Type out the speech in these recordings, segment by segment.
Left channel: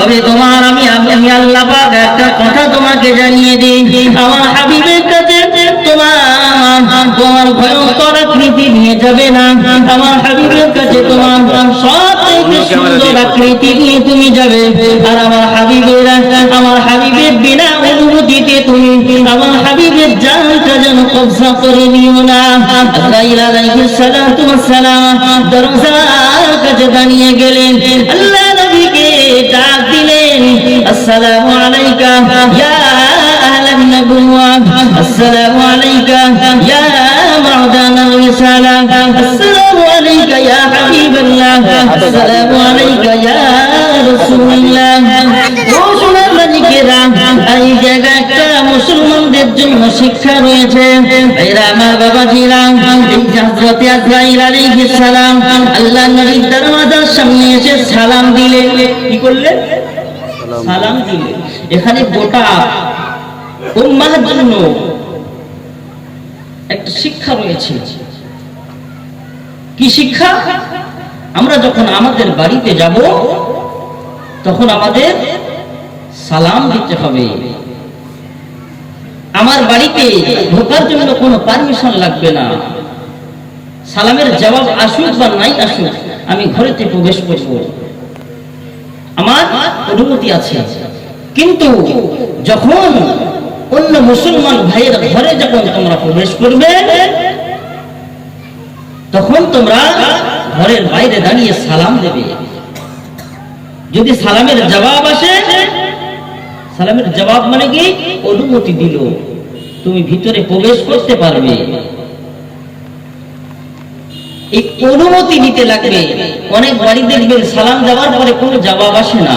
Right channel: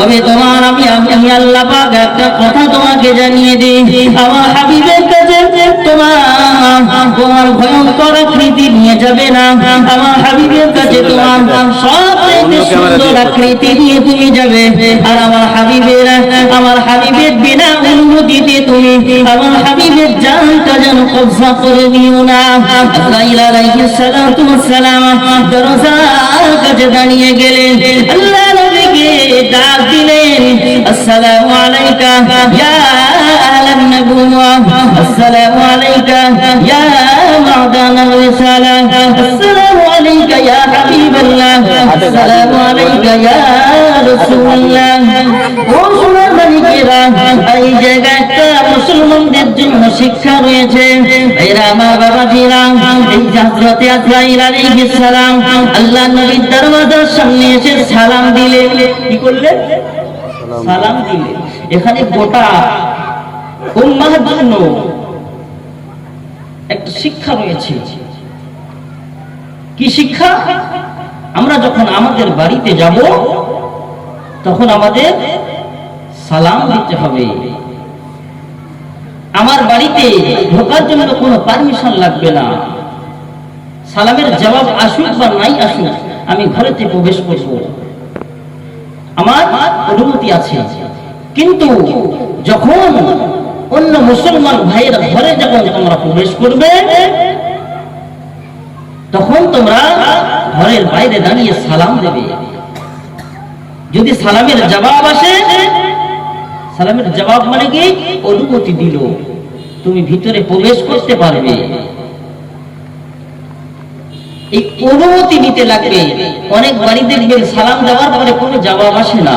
তবে তোমার আমি আমি আমি আল্লাহ পাক একটা কথা তোমাকে জানিয়ে দিই। আমার হাবিবের কাছে তোমার তোমার ভয়ঙ্কর আকৃতি নিয়ে যাবে না। আমার হাবিবের কাছে তোমার সব আকৃতি নিয়ে তুমি যাবে। আর আমার হাবিবের আমার হাবিবের বিনা অনুমতিতে তুমি আমার হাবিবের জানটা যেন কবজা করে নিও না। আজরাইল আলাইহিস সালাতু ওয়াস সালাম দরজার কাছে দাঁড়িয়ে গেলেন। আল্লাহ ডাক দিলেন, আসসালামু আলাইকা, ইয়া আহলান নবুওয়া আসসালামু আলাইকা, ইয়া রিসালা, আসসালামু আলাইকা, ইয়া হাবিবাল্লাহ, আসসালামু আলাইকা, ইয়া রাসূলুল্লাহ। এই জায়গায় একটা মুসলমানদের জন্য শিক্ষা রয়েছে, এরা আমার বাবাজিরা এই হযরতে আজরাইল আলাইহিস সালাম আল্লাহ নবীর দরওয়াজার সামনে এসে সালাম দিলে কি করলে সালাম দিলে এখানে গোটা জন্য একটা শিক্ষা রয়েছে। কি শিক্ষা? আমরা যখন আমাদের বাড়িতে যাব তখন আমাদের সালাম দিতে হবে। আমার বাড়িতে ঢোকার জন্য কোনো পারমিশন লাগবে না। সালামের জবাব আসুক বা নাই আসুক, আমি ঘরেতে প্রবেশ করব। আমার অনুমতি আছে। কিন্তু যখন অন্য মুসলমান ভাইয়ের ঘরে যখন তোমরা প্রবেশ করবে, তখন তোমরা ঘরের বাইরে দাঁড়িয়ে সালাম দেবে। যদি সালামের জবাব আসে, সালামের জবাব মানে কি? অনুমতি দিল। তুমি ভিতরে প্রবেশ করতে পারবে। এই অনুমতি নিতে লাগবে অনেক বাড়ি দেখবেন সালাম দেওয়ার পরে কোনো জবাব আসে না।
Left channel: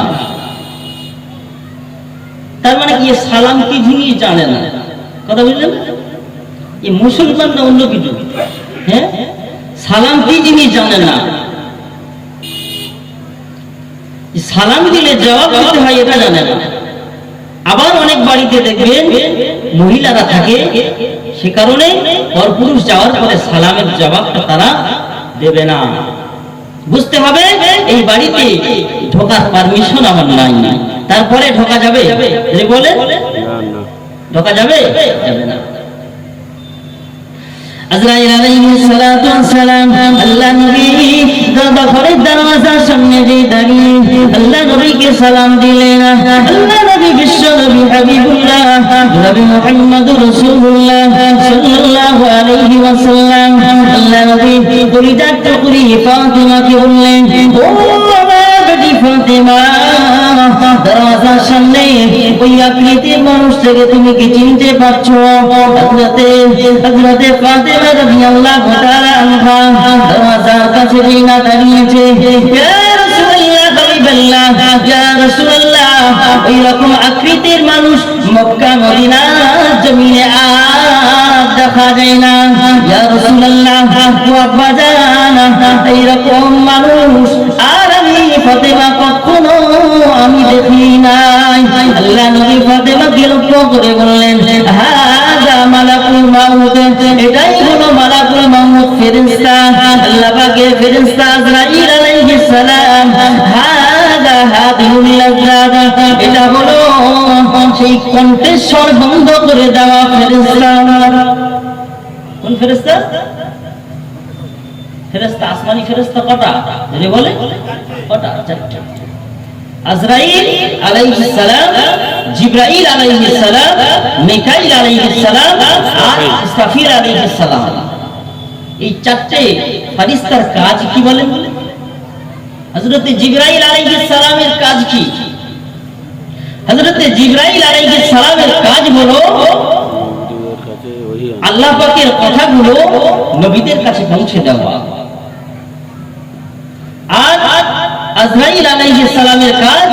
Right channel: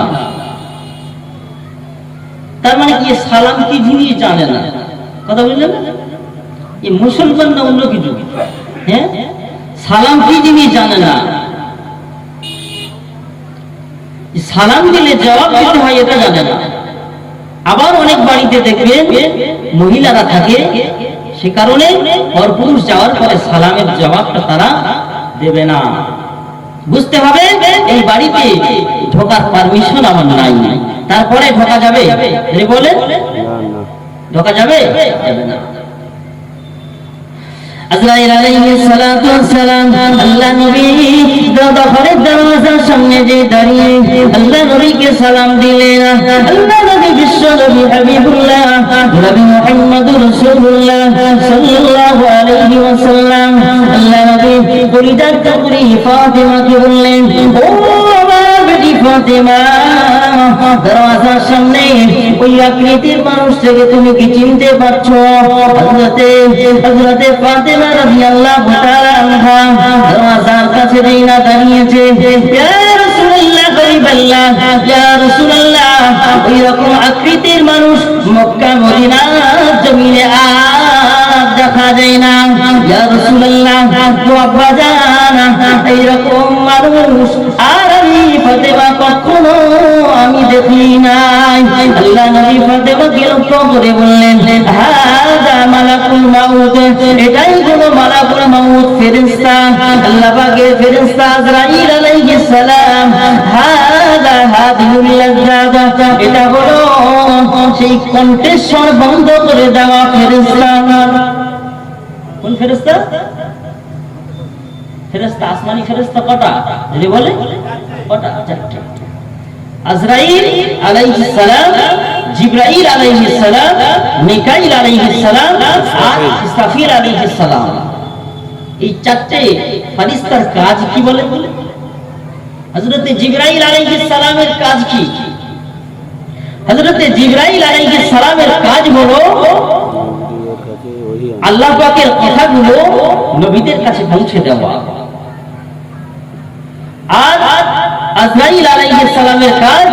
তার মানে কি সালাম কি জিনিস জানে না। কথা বুঝলেন? এই মুসলমান না অন্য কিছু হ্যাঁ? সালাম কি জিনিস জানে না। সালাম দিলে জবাব দিতে হয় এটা জানে না। আবার অনেক বাড়িতে দেখবেন মহিলারা থাকে, সে কারণে পরপুরুষ যাওয়ার পরে সালামের জবাবটা তারা দেবে না। বুঝতে হবে এই বাড়িতে ঢোকার পারমিশন আমার নাই। তারপরে ঢোকা যাবে? বলে? ঢোকা যাবে? যাবে না। আজরাইল আলাইহিস সালাতু ওয়াস সালাম আল্লাহ নবী দাদা ঘরের দরওয়াজার সামনে যে দাঁড়িয়ে আল্লাহ নবীকে সালাম দিলেন। আল্লাহ নবী বিশ্ব নবী হাবিবুল্লাহ, নবী মুহাম্মদ রাসূলুল্লাহ সাল্লাল্লাহু আলাইহি ওয়াসাল্লাম। আল্লাহ নবী পরিজাত টুকরি ফাতিমাকে বললেন, ও আমার বেটি ফাতিমা দরওয়াজার সামনে ওই আকৃতির মানুষটাকে তুমি কি চিনতে পারছ? হযরতে হযরতে ফাতেমা রাদিয়াল্লাহু তাআলা আনহা দরওয়াজার কাছে রিনা দাঁড়িয়েছে আকৃতির মানুষ মক্কা, মদিনা জমিনে আর দেখা যায় না। ইয়া জান এই রকম মানুষ? আর আমি ফাতেমা কখনো আমি দেখি নাই। আল্লাহ নবী ফাতেমাকে লক্ষ্য করে বললেন হাদা মালাকুল মাউত। এটাই হলো মালাকুল মাউত ফেরেশতা। আল্লাহ পাকের ফেরেশতা আজরাইল আলাইহিস সালাম সেই কণ্ঠস্বর বন্ধ করে দেওয়া ফেরেশতা। কোন ফেরেশতা? ফেরেশতা আসমানি ফেরেশতা কটা? যদি বলে, কটা? চারটা আজরাইল আলাইহিস সালাম, জিবরাইল আলাইহিস সালাম, মিকাইল আলাইহিস সালাম, আর ইসরাফিল আলাইহিস সালাম। এই চারটে ফারিস্তার কাজ কি বলে? হযরত জিবরাইল আলাইহিস সালামের কাজ কি? হযরত জিবরাইল আলাইহিস সালামের কাজ হলো, আল্লাহ পাকের কথাগুলো নবীদের কাছে পৌঁছে দেওয়া আর আজরাইল আলাইহিস সালামের কাজ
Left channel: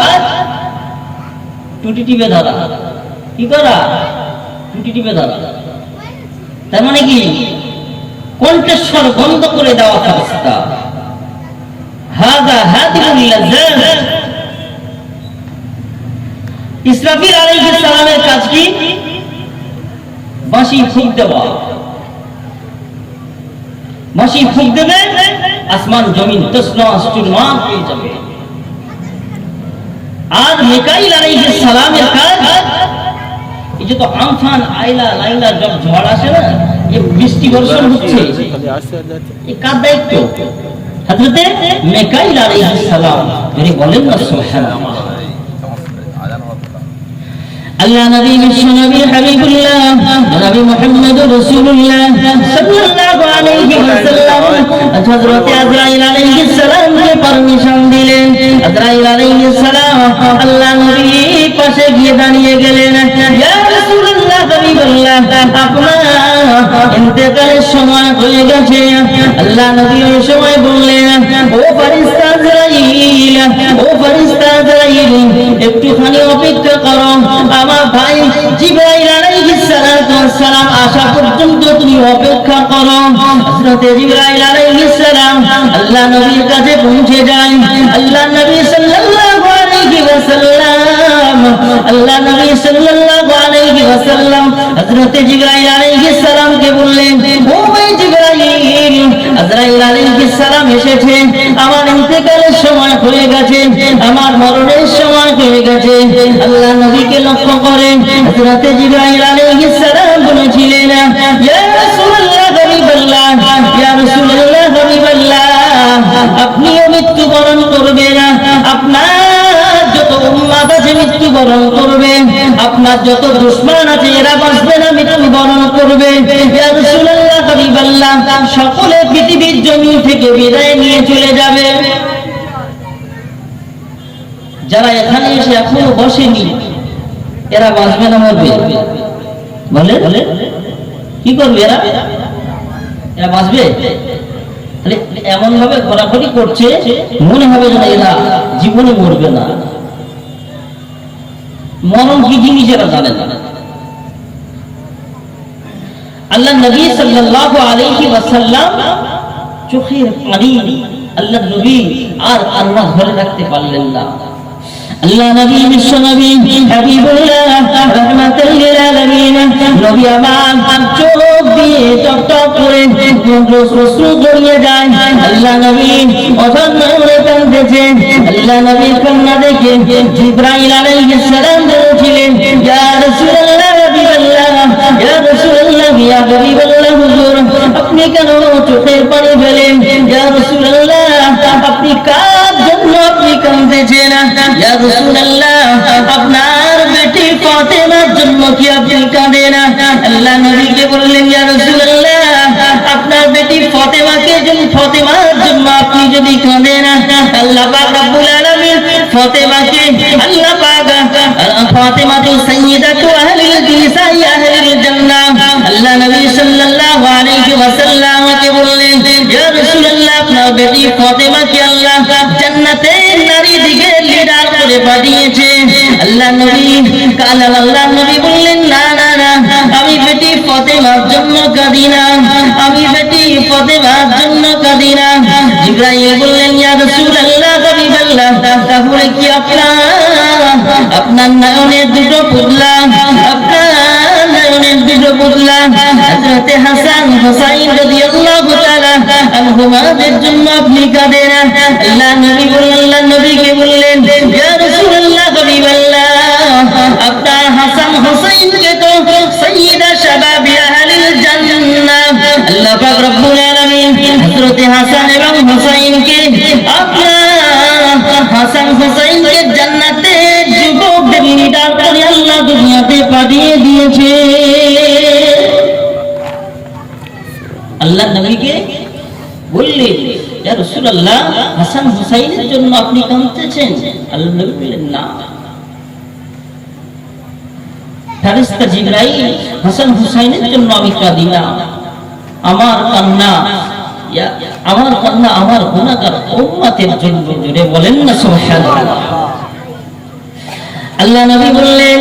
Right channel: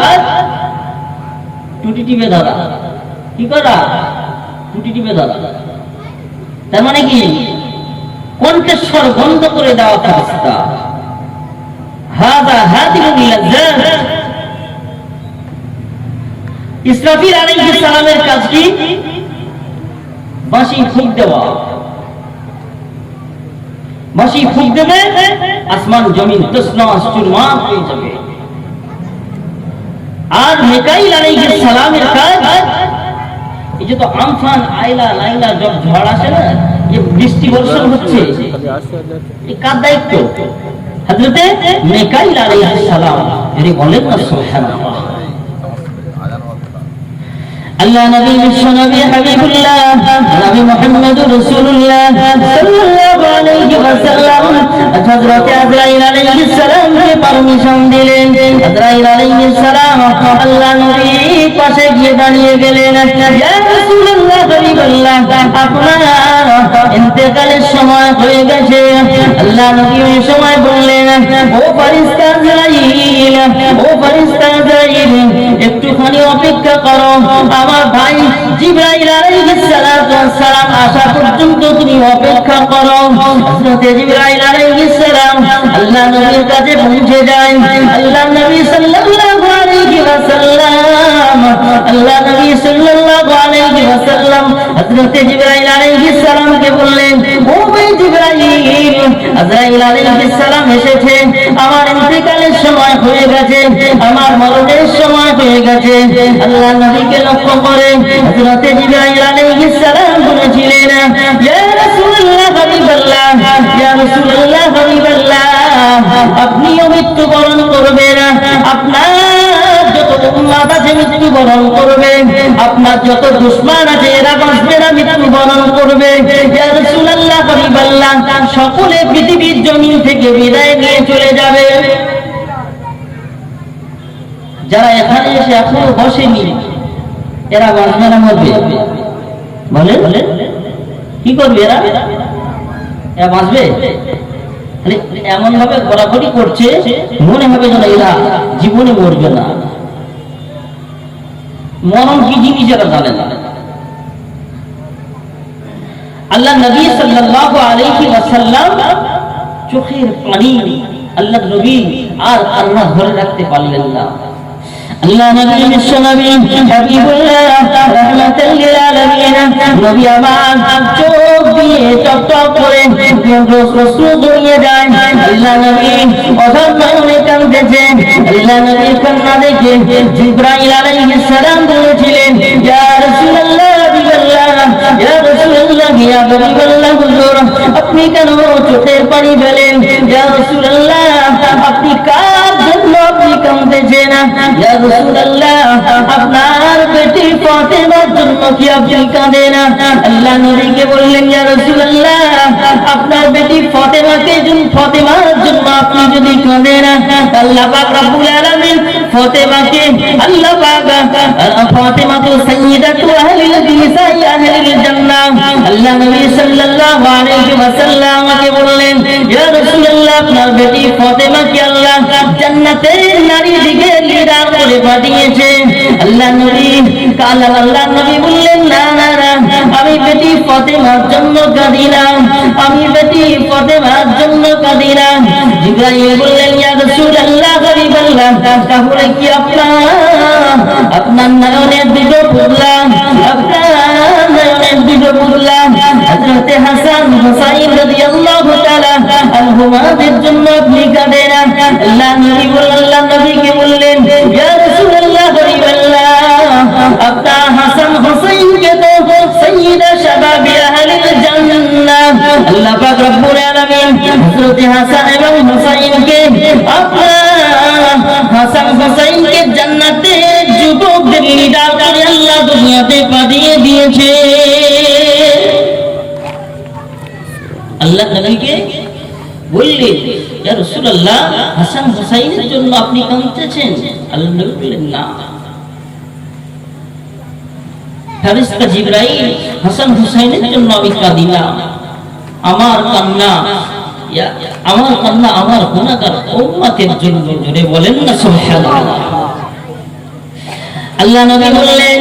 টুটি টিপে ধরা। কি করা? টুটি টিপে ধরা। তার মানে কি? কণ্ঠস্বর বন্ধ করে দেওয়া ফেরেশতা হাদা লাজ্জাত ইসরাফিল আলাইহিস সালামের কাজ কি বাঁশি ফুক দেওয়া। বাঁশি ফুক দেবে, আসমান জমিন তসনা চুরমা হয়ে যাবে। আর মিকাইল আলাইহিস সালামের কাজ, এই যে তো আমফান আইলা লাইলা জব ঝড় আসে না, এই বৃষ্টি বর্ষণ হচ্ছে, এই কার দায়িত্ব? হযরতে মিকাইল আলাইহিস সালাম এর বলেন না, সুবহানাল্লাহ। আল্লাহ নবী বিশ্ব নবী হাবিবুল্লাহ নবী মুহাম্মদ রাসূলুল্লাহ ওয়াসাল্লাম হযরত আজরাইল আলাইহিস সালাম কে পারমিশন দিলেন। আজরাইল আলাইহিস সালাম আল্লাহ নবী পাশে গিয়ে দাঁড়িয়ে গেলেন। ইয়া রাসূলুল্লাহ হাবিবুল্লাহ আপনার ইন্তেকালের সময় হয়ে গেছে। আল্লাহ নবী সময় বললেন, ও ফেরেশতা ও ফেরেশতা একটুখানি অপেক্ষা করো। আমার ভাই জিব্রাইল আসা পর্যন্ত তুমি অপেক্ষা করো। হযরত জিব্রাইল আলাইহিস সালাম আল্লাহ নবীর কাছে পৌঁছে যায়। আল্লাহ নবী সাল্লাল্লাহু আলাইহি ওয়াসাল্লাম, আল্লাহ নবী সাল্লাল্লাহু আলাইহি ওয়াসাল্লাম হযরত জিব্রাইল আলাইহিস বললেন, ও ভাই জিব্রাইল, আজরাইল আলাইহিস সালাম এসেছে। আমার ইন্তেকালের সময় হয়ে গেছে, আমার মরণের সময় হয়ে গেছে। আল্লাহ নবীকে লক্ষ্য করে হযরত জিব্রাইল আলাইহিস সালাম আপনিও মৃত্যুবরণ করবেন আপনার উম্মাদ আছে মৃত্যুবরণ করবে আপনার যত দুশ্মন আছে, এরা বাঁচবে না মৃত্যুবরণ করবে। সকলে পৃথিবীর জমিন থেকে বিদায় নিয়ে চলে যাবে। যারা এখানে এসে এখনও বসেনি, এরা বাঁচবে না, মরবে। বলে বলে কি করবে এরা? এরা বাঁচবে? এমন ভাবে ঘোরাঘুরি করছে, মনে হবে যেন এরা জীবনে মরবে না। মরণ কি জিনিস এরা জানে না। আল্লাহ নবী সাল্লাল্লাহু আলাইহি ওয়াসাল্লাম চোখের পানি আল্লাহ নবী আর আল্লাহ ধরে রাখতে পারলেন না। আল্লাহ নবী, বিশ্ব নবী, হাবিবুল্লাহ, রাহমাতুল লিল আলামিন নবী আমার চোখ দিয়ে টপ টপ করে অশ্রু গড়িয়ে যায় আল্লাহ নবী অধর নয়নে কাঁদতেছে হাবিবাল্লাহ ইয়া রাসূলুল্লাহ ইয়া হাবিবাল্লাহ হুজুর আপনি কেন চোখের পানি ফেলেন ইয়া রাসূলুল্লাহ আপনি কার জন্য আপনি কাঁদতেছেন ইয়া রাসূলুল্লাহ আপনার বেটি ফাতেমার জন্য কি আপনি কাঁদেন আল্লাহ নবীকে বললেন ইয়া রাসূলুল্লাহ আপনার বেটি ফাতেমাকে জন্য ফাতেমার জন্য আপনি যদি কাঁদেন আল্লাহ পাক রব্বুল আলামিন ফাতেমাকে আল্লাহ পাক ফাতেমা তো সাইয়্যিদাতু আহলিল নিসাই আহলিল জান্নাহ আল্লাহ নবী সাল্লাল্লাহু আলাইহি ওয়াসাল্লামকে বললেন ইয়া রাসূলুল্লাহ আপনার বেটি ফাতেমাকে আল্লাহ জান্নাতের নারী দিকে লিডার করে পাঠিয়েছে আল্লাহ নবী কাল আল্লাহ নবী বললেন আমি বেটি ফাতেমার জন্য কাঁদি আমি বেটি ফাতেমার জন্য কাঁদি বললেন ইয়া রাসূলুল্লাহ তাহলে কি আপনার আপনার নয়নের দুটো পুতলা আপনার নয়নের দুটো পুতলা হযরতে হাসান হুসাইন রাদিয়াল্লাহু তাআলা আনহুমাদের জন্য আপনি কাঁদেন আল্লাহ নবী বললেন নবীকে দিয়েছে। আল্লাহ নবীকে বললেন রাসূলুল্লাহ, হাসান হুসাইনের জন্য আপনি কাঁদতেছেন? আল্লাহ নবী বললেন, না। ফেরেশতা জিবরাইল, হাসান হুসাইনের জন্য আমি কাঁদি না আমার কান্না আমার কান্না আমার গুনাহগার উম্মতের জন্য জুড়ে বলেন না, সুবহানাল্লাহ। আল্লাহ নবী বললেন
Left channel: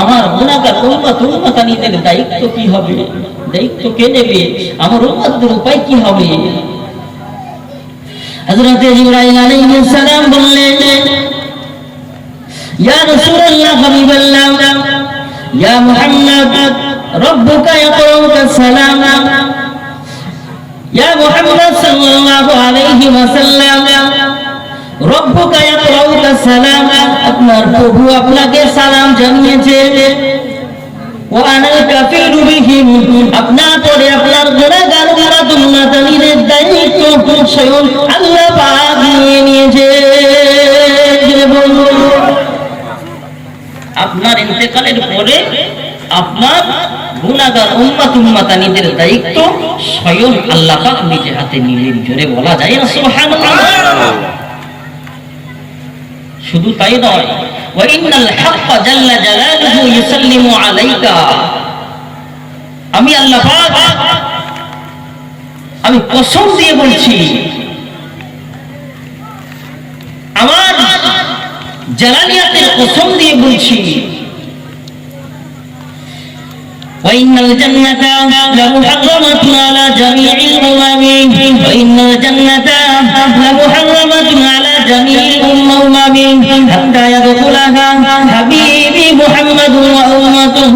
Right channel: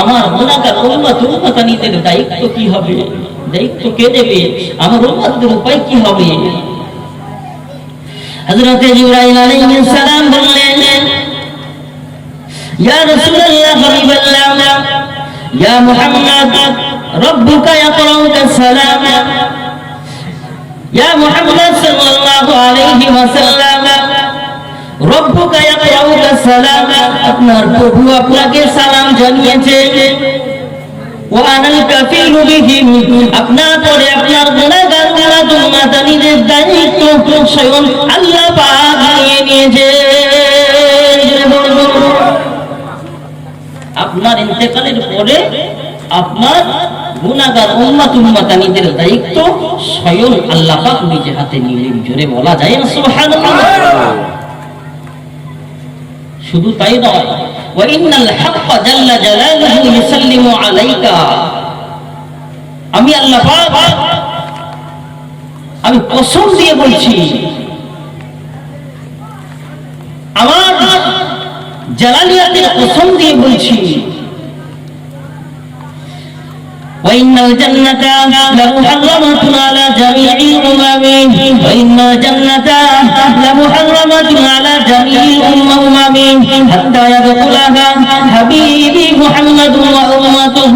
আমার গুণাগার উম্মত উম্মতানিদের দায়িত্ব কি হবে? দায়িত্ব কে নেবে? আমার উম্মতদের উপায় কি হবে? হযরত জিবরাইল আলাইহিস সালাম বললেন, ইয়া রাসূলুল্লাহ হাবিবাল্লাহ ইয়া মুহাম্মদ, রব্বুকা ইয়াকরাউকা সালাম, ইয়া মুহাম্মদ সাল্লাল্লাহু আলাইহি ওয়াসাল্লাম, রব্বুকা ইয়াকরাউকা সালাম আপনার প্রভু আপনাকে সালাম জানিয়েছে। আপনার দায়িত্ব স্বয়ং আল্লাহ পাক নিয়ে ইন্তেকালের পরে আপনার গুনাহগার উম্মত উম্মতানিদের দায়িত্ব স্বয়ং আল্লাহ নিজে হাতে নিলেন। জোরে বলা যায় না শুধু তাই নয় ওয়াইনাল হাক্ক জাল্লা জালালুহু ইউসাল্লিমু আলাইকা আমি আল্লাহ পাক আমি কসম দিয়ে বলছি আমার জালালিয়াতের কসম দিয়ে বলছি وإن الجنة لمحرمة على جميع الأمم وإن الجنة لمحرمة على جميع الأمم حتى يدخلها حبيبي محمد وأمته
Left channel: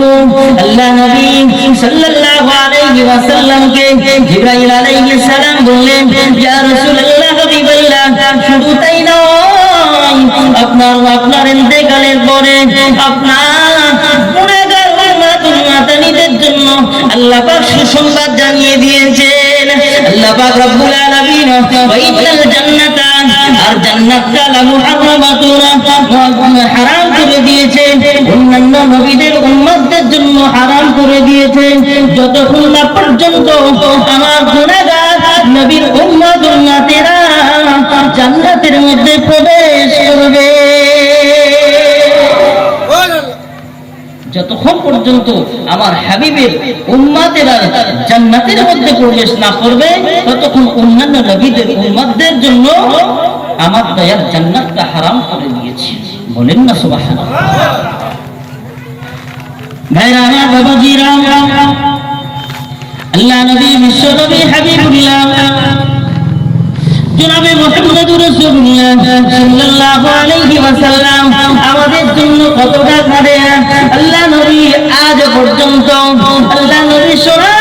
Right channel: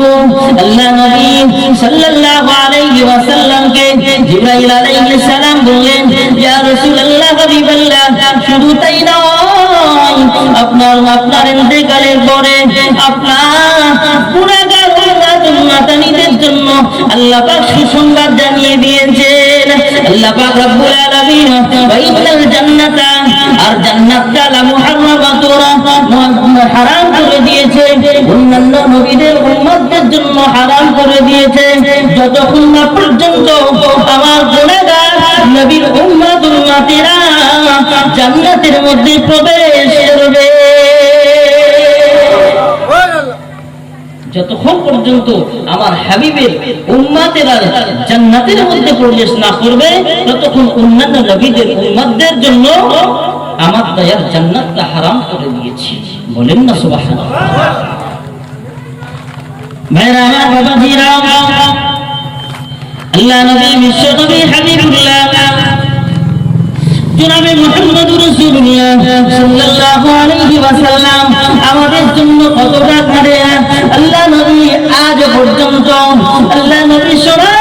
الله نبي صلى الله عليه وسلم কে জিব্রাইল আলাইহিস সালাম বললেন ইয়া রাসূলুল্লাহ হাবিবাল্লাহ শুধু তাই নয় আপনার আপনার ইন্তেকালের পরে আপনার মাতানিদের জন্য আল্লাহ পাক সুসংবাদ জানিয়ে দিয়েছেন। আল্লাহ পাক রব্বুল আলামিন ওয়াইনাল জান্নাতা আর জান্নাতটা লা মুহাররামাতুন হারাম করে দিয়েছে অন্যান্য নবীদের উম্মতদের জন্য হারাম করে দিয়েছে যতক্ষণ না পর্যন্ত আমার গুনাহগার নবীর উম্মত উম্মতেরা জান্নাতের মধ্যে প্রবেশ যতক্ষণ পর্যন্ত আমার হাবিবের উম্মাতেরা জান্নাতের মধ্যে প্রবেশ না করবে, ততক্ষণ অন্যান্য নবীদের উম্মাতদের জন্য আমার দয়ার জান্নাতটা হারাম করে দিয়েছি। বলেন না সুবহানাল্লাহ। ভাইরা আমার বাবাজিরা, আল্লাহ নবী বিশ্ব নবী হাবিবুল্লাহ জনাবে মুহাম্মদুর রাসূলুল্লাহ সাল্লাল্লাহু আলাইহি ওয়াসাল্লাম, আমাদের জন্য কতটা করে আল্লাহ নবী আজ পর্যন্ত, আল্লাহ নবী সবুজ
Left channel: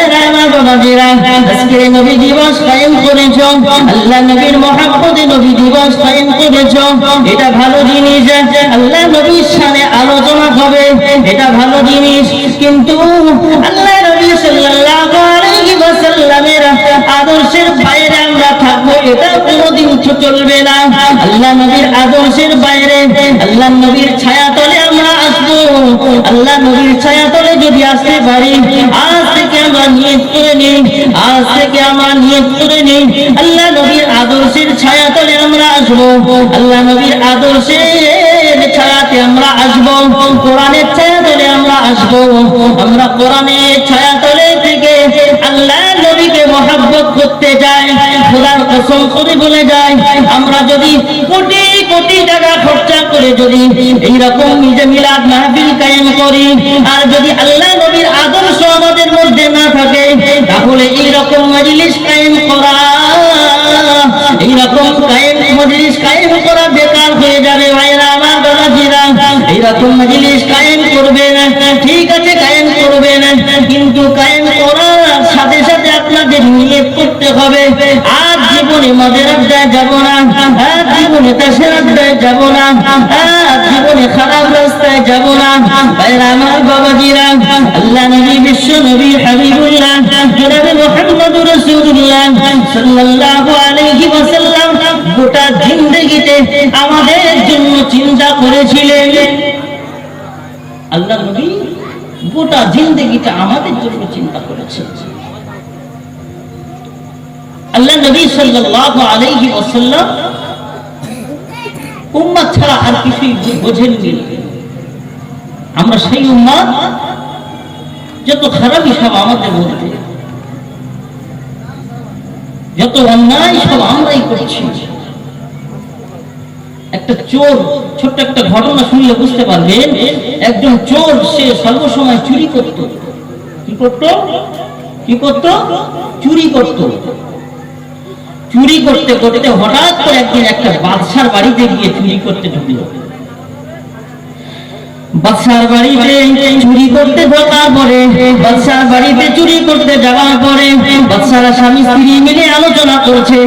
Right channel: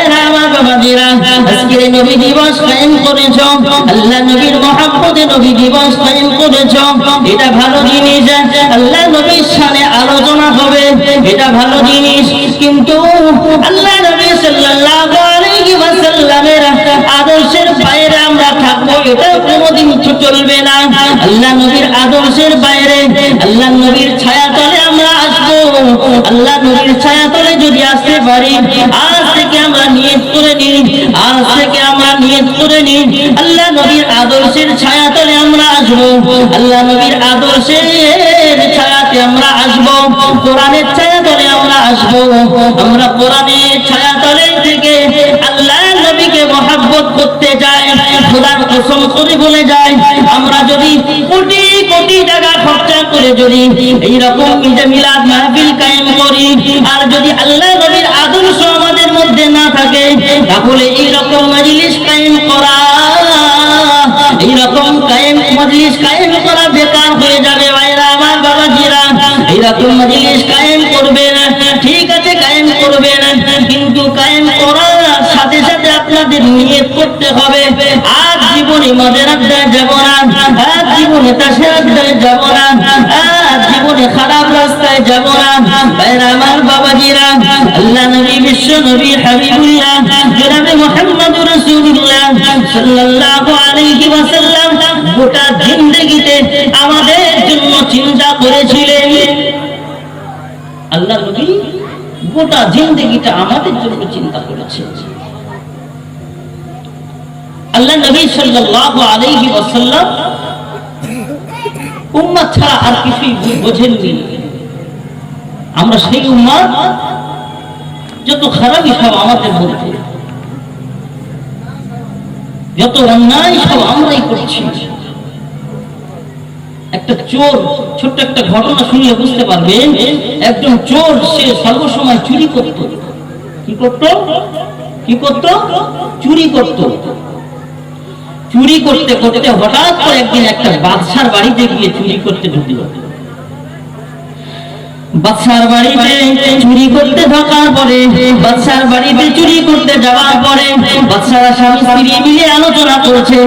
আদর্শের বাইরে আমরা থাকব এটা কোনোদিন চলবে আল্লাহ নবীর আদর্শের বাইরে, আল্লাহ নবীর আমরা আসব। আল্লাহ নবীর ছায়া তলে যদি আসতে পারি আজ থেকে আমরা নিয়ত করে নিই আল্লাহ নবীর আদর্শের ছায়া তলে আমরা আসব। আল্লাহ নবীর আদর্শের ছায়াতে আমরা আসব। কোরআনের ছায়া তলে আমরা আসব। আমরা কোরআনের ছায়া তলে থেকে আল্লাহ নবীকে মহাব্বত করতে চাই খোদার কসম করে বলে যায় আমরা যদি কোটি কোটি টাকা খরচা করে যদি এইরকম নিজে মিলাদ মাহফিল কায়েম করি, আর যদি আল্লাহ নবীর আদর্শ আমাদের মধ্যে না থাকে তাহলে এইরকম মজলিস কায়েম করা এইরকম কায়েম, মজলিস কায়েম করা বেকার হয়ে যাবে ভাইরা আমার বাবাজিরা। এইরকম মজলিস কায়েম করবে না, ঠিক আছে, কায়েম করবে না, কিন্তু কায়েম করার সাথে সাথে আপনাদের নিয়ে করতে হবে। আর জীবনে মদের আড্ডায় যাব না, আর জীবনে তাসের আড্ডায় যাব না, আর জীবনে খারাপ যাব না ভাইরা আমার আল্লাহ নবী, বিশ্ব নবী, হাবিবুল্লাহ, জনাবে মুহাম্মদ রাসূলুল্লাহ সাল্লাল্লাহু আলাইহি ওয়াসাল্লাম গোটা জিন্দেগিতে আমাদের জন্য চিন্তা করেছিলেন। আল্লাহ নবী গোটা জিন্দেগিটা আমাদের জন্য চিন্তা করেছে আল্লাহ নবী সাল্লাল্লাহু আলাইহি ওয়াসাল্লাম উম্মাত ছাড়া আর কিছুই বোঝেননি। আমরা সেই উম্মাদ যত খারাপই সব আমাদের মধ্যে, যত অন্যায় সব আমরাই করছি, একটা চোর, ছোট্ট একটা ঘটনা শুনলে বুঝতে পারবেন, একজন চোর সে সর্বসময় চুরি করত। কি করত? কি করত? চুরি করত। চুরি করতে করতে হঠাৎ করে একদিন একটা বাদশার বাড়িতে গিয়ে চুরি করতে ঢুকলো। বাদশার বাড়িতে চুরি করতে ঢোকার পরে বাদশার বাড়িতে চুরি করতে যাওয়ার পরে বাদশারা স্বামী স্ত্রী মিলে আলোচনা করছে।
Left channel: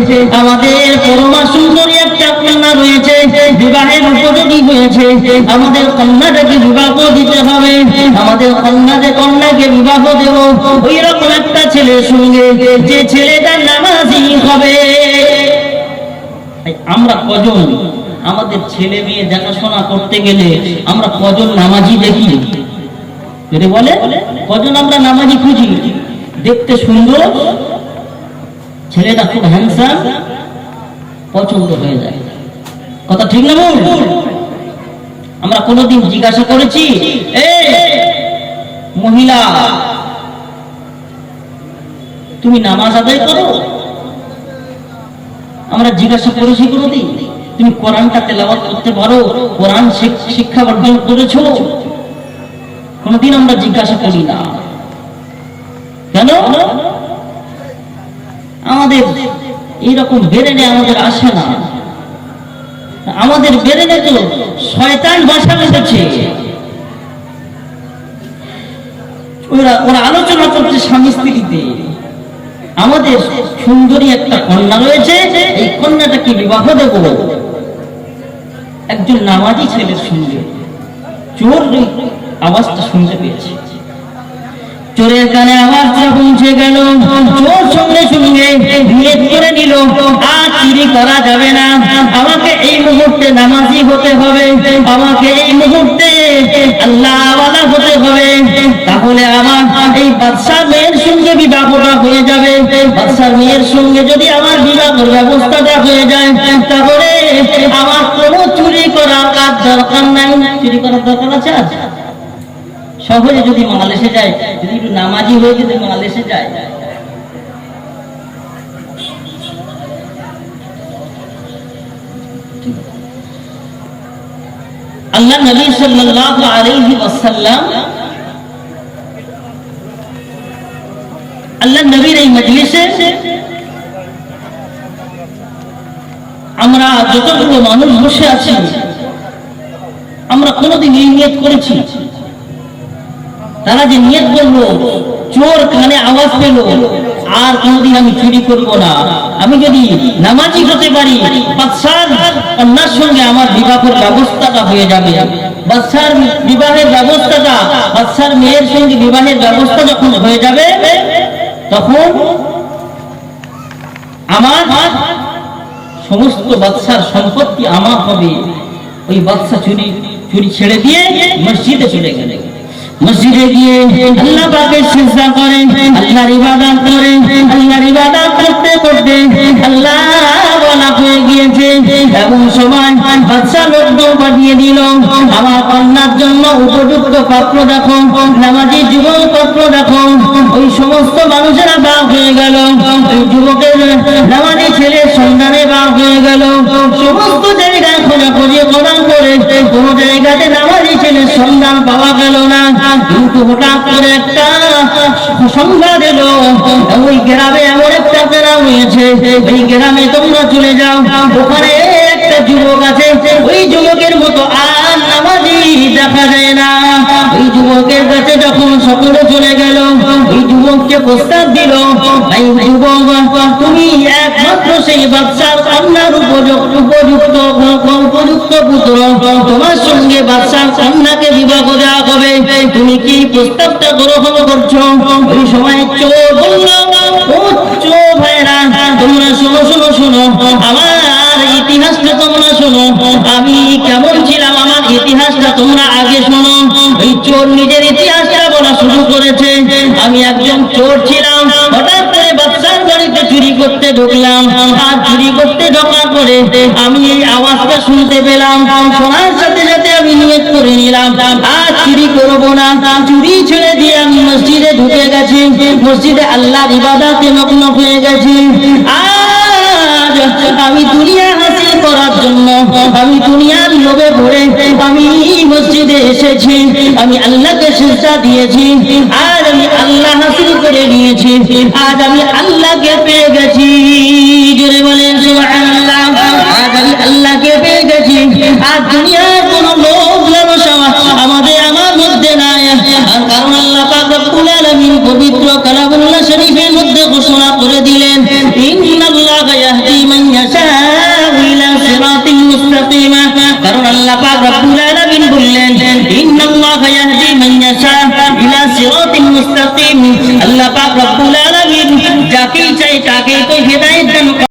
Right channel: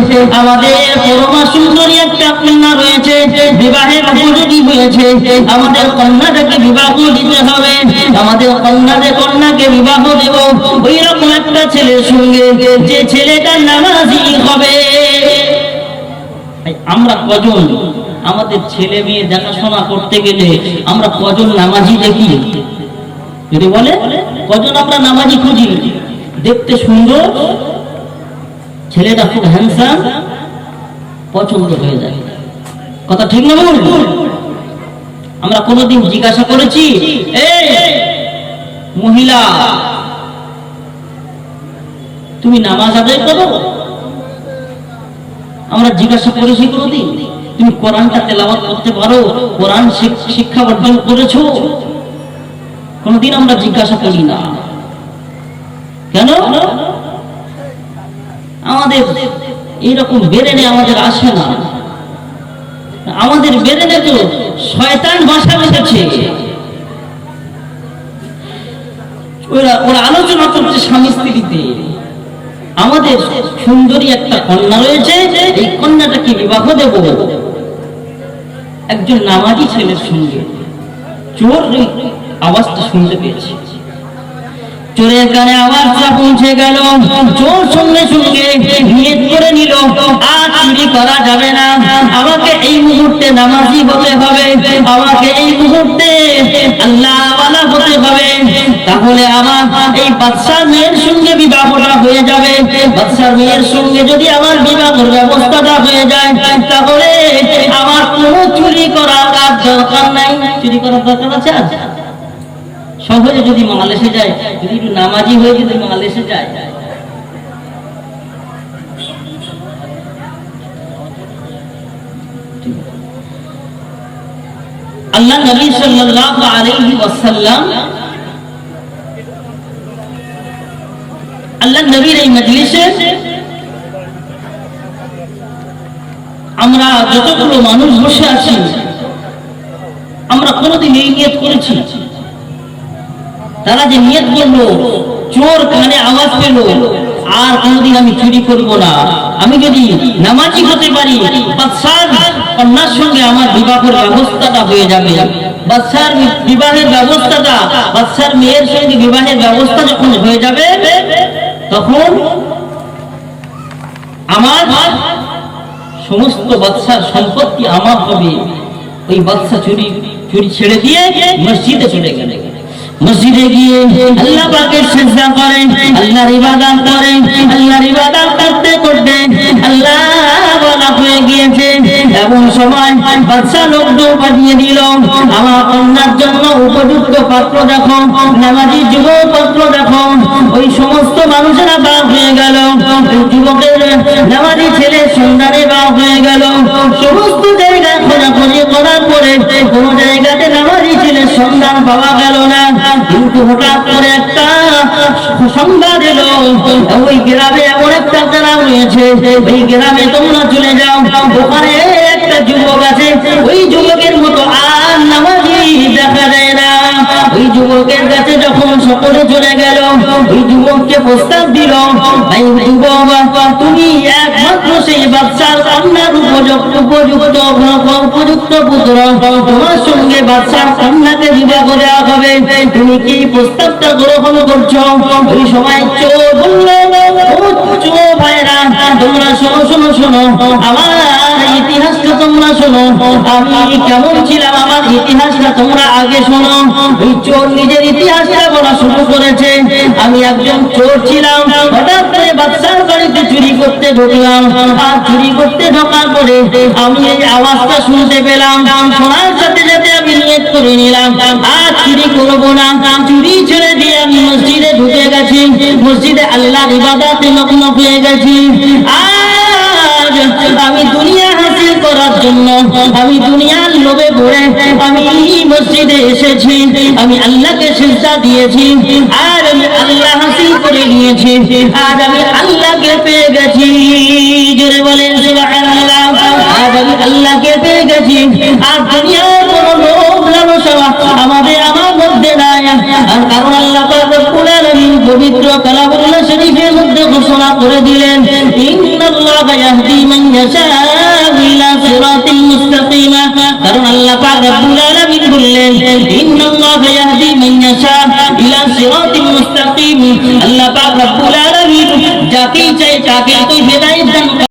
আমাদের পরমা সুন্দরী একটা কন্যা রয়েছে, বিবাহের উপযোগী হয়েছে। আমাদের কন্যাটাকে বিবাহ দিতে হবে। আমাদের কন্যাকে কন্যাকে বিবাহ দেব। ওই রকম একটা ছেলের সঙ্গে যে ছেলেটা নামাজি হবে। আমরা কজন? আমাদের ছেলে মেয়ে দেখাশোনা করতে গেলে আমরা কজন নামাজি দেখি? যদি বলে, কজন আমরা নামাজি খুঁজি? দেখতে সুন্দর, ছেলেটা খুব হ্যান্ডসাম পছন্দ হয়ে যায়। কথা ঠিক না আমরা কোনোদিন জিজ্ঞাসা করেছি মহিলা, তুমি নামাজ আদায় করো? আমরা জিজ্ঞাসা করেছি কোনোদিন। তুমি কোরআনটা তেলাওয়াত করতে পারো, কোরআন শিক্ষা অর্জন করেছ। কোনদিন আমরা জিজ্ঞাসা করি না। কেন? আমাদের এইরকম বেরেনে আমাদের আসে না। আমাদের বেরেনে তো শয়তান বাসা বসেছে ওরা ওরা আলোচনা করছে স্বামী স্ত্রীতে। আমাদের সুন্দরী একটা কন্যা রয়েছে, এই কন্যাটাকে বিবাহ দেব। একজন নামাজি ছেলের সঙ্গে চোর আওয়াজটা শুনতে পেয়েছে। চোরের কানে আওয়াজটা পৌঁছে গেল। চোর সঙ্গে সঙ্গে নিয়ত করে নিল। আর চুরি করা যাবে না। আমাকে এই মুহূর্তে নামাজি হতে হবে। আমাকে এই মুহূর্তে আল্লাহ হতে হবে। তাহলে আমার এই বাদশাহ মেয়ের সঙ্গে বিবাহটা হয়ে যাবে। বাদশাহ মেয়ের সঙ্গে যদি আমার বিবাহের ব্যবস্থাটা হয়ে যায়, তাহলে আমার কোনো চুরি আর দরকার নাই। চুরি করার দরকার আছে আজ সহজে যদি মাল যায়, যদি একটু নামাজি হয়ে যদি মাল যায়। আল্লাহ নবী সাল্লাল্লাহু আলাইহি ওয়াসাল্লাম আল্লাহ নবীর এই মজলিসে আমরা যতগুলো মানুষ বসে আছি, আমরা কোনোদিন এই নিয়ত করেছি। তারা যে নিয়ত করল, চোর কানে আওয়াজ পেল, আর কোনোদিন আমি চুরি করব না। আমি যদি নামাজি হতে পারি, বাদশার কন্যার সঙ্গে আমার বিবাহের ব্যবস্থাটা হয়ে যাবে। বাদশার বিবাহের ব্যবস্থাটা, বাদশার মেয়ের সঙ্গে বিবাহের ব্যবস্থা যখন হয়ে যাবে, তখন আমার সমস্ত বাদশার সম্পত্তি আমার হবে। ওই বাদশা চুরি চুরি ছেড়ে দিয়ে মসজিদে চলে গেলে। মসজিদে গিয়ে আল্লাহ পাকের সিজদা করে আল্লাহর ইবাদত করে আল্লাহর ইবাদত করতে করতে আল্লাহ বলা হয়ে গিয়েছে। এমন সময় লোকজন পাঠিয়ে দিল, আমার কন্যার জন্য উপযুক্ত পাত্র দেখো নামাজি যুবক পাত্র দেখো। ওই সমস্ত মানুষেরা বাঘ হয়ে গেল যুবকের নামাজি ছেলের সন্ধানে বাঘ হয়ে গেল। সমস্ত জায়গায় খোঁজাখুঁজি করার পরে কোন জায়গাতে নামাজি ছেলের সন্ধান পাওয়া কিন্তু করে একটা সংবাদ এলো ওই গ্রামে এমন একটা গ্রাম হয়েছে এই গ্রামে তোমরা চলে যাও ওখানে একটা যুবক আছে ওই যুবকের মতো আর নামাজি দেখা যায় না ওই যুবকের কাছে যখন সকলে চলে গেল ওই যুবককে প্রস্তাব দিল এই তুমি একমাত্র সেই বাচ্চার কন্যার উপযুক্ত উপযুক্ত উপযুক্ত পুত্র। তোমার সঙ্গে বাচ্চার কন্যাকে বিবাহ দেওয়া হবে। তুমি কি প্রস্তাবটা গ্রহণ করছ? ওই সময় চোর বলল ও ভাইরা, তোমরা শোনো শোনো শোনো। আমার ইতিহাসটা তোমরা শোনো। আমি কেমন ছিলাম, আমার ইতিহাসটা তোমরা আগে শোনো। ওই চোর নিজের ইতিহাসটা বলা শুরু করেছে। আমি একজন চোর ছিলাম। হঠাৎ করে বাচ্চার বাড়িতে চুরি করতে ঢুকলাম। আর চুরি করতে ঢোকার পরে আমি এই আওয়াজটা শুনতে পেলাম। শোনার সাথে সাথে আমি নিয়ত করে নিলাম, আর চুরি করব না। চুরি ছেড়ে দিয়ে আমি মসজিদে ঢুকে গেছি। মসজিদে আল্লাহ ইবাদাতে মগ্ন হয়ে গেছি। আমি দুনিয়া হাসিল করার জন্য, আমি দুনিয়ার লোভে পড়ে আমি মসজিদে এসেছি। আমি আল্লাহকে সিজদা দিয়েছি। আর করে নিয়েছি। আজ আমি আল্লাহকে পেয়ে গেছি। জোরে বলেন আজ আমি আল্লাহকে পেয়ে গেছি। আর দুনিয়ার কোনো লোভ লালসা আমাদের আমার মধ্যে নাই। আর কারণ আল্লাহ পাক রব্বুল পবিত্র কালামুল্লাহ শরীফের মধ্যে ঘোষণা করে দিলেন, ইন্নাল্লাহ ইয়াহদি মান রব্বুল চাই তাকে তো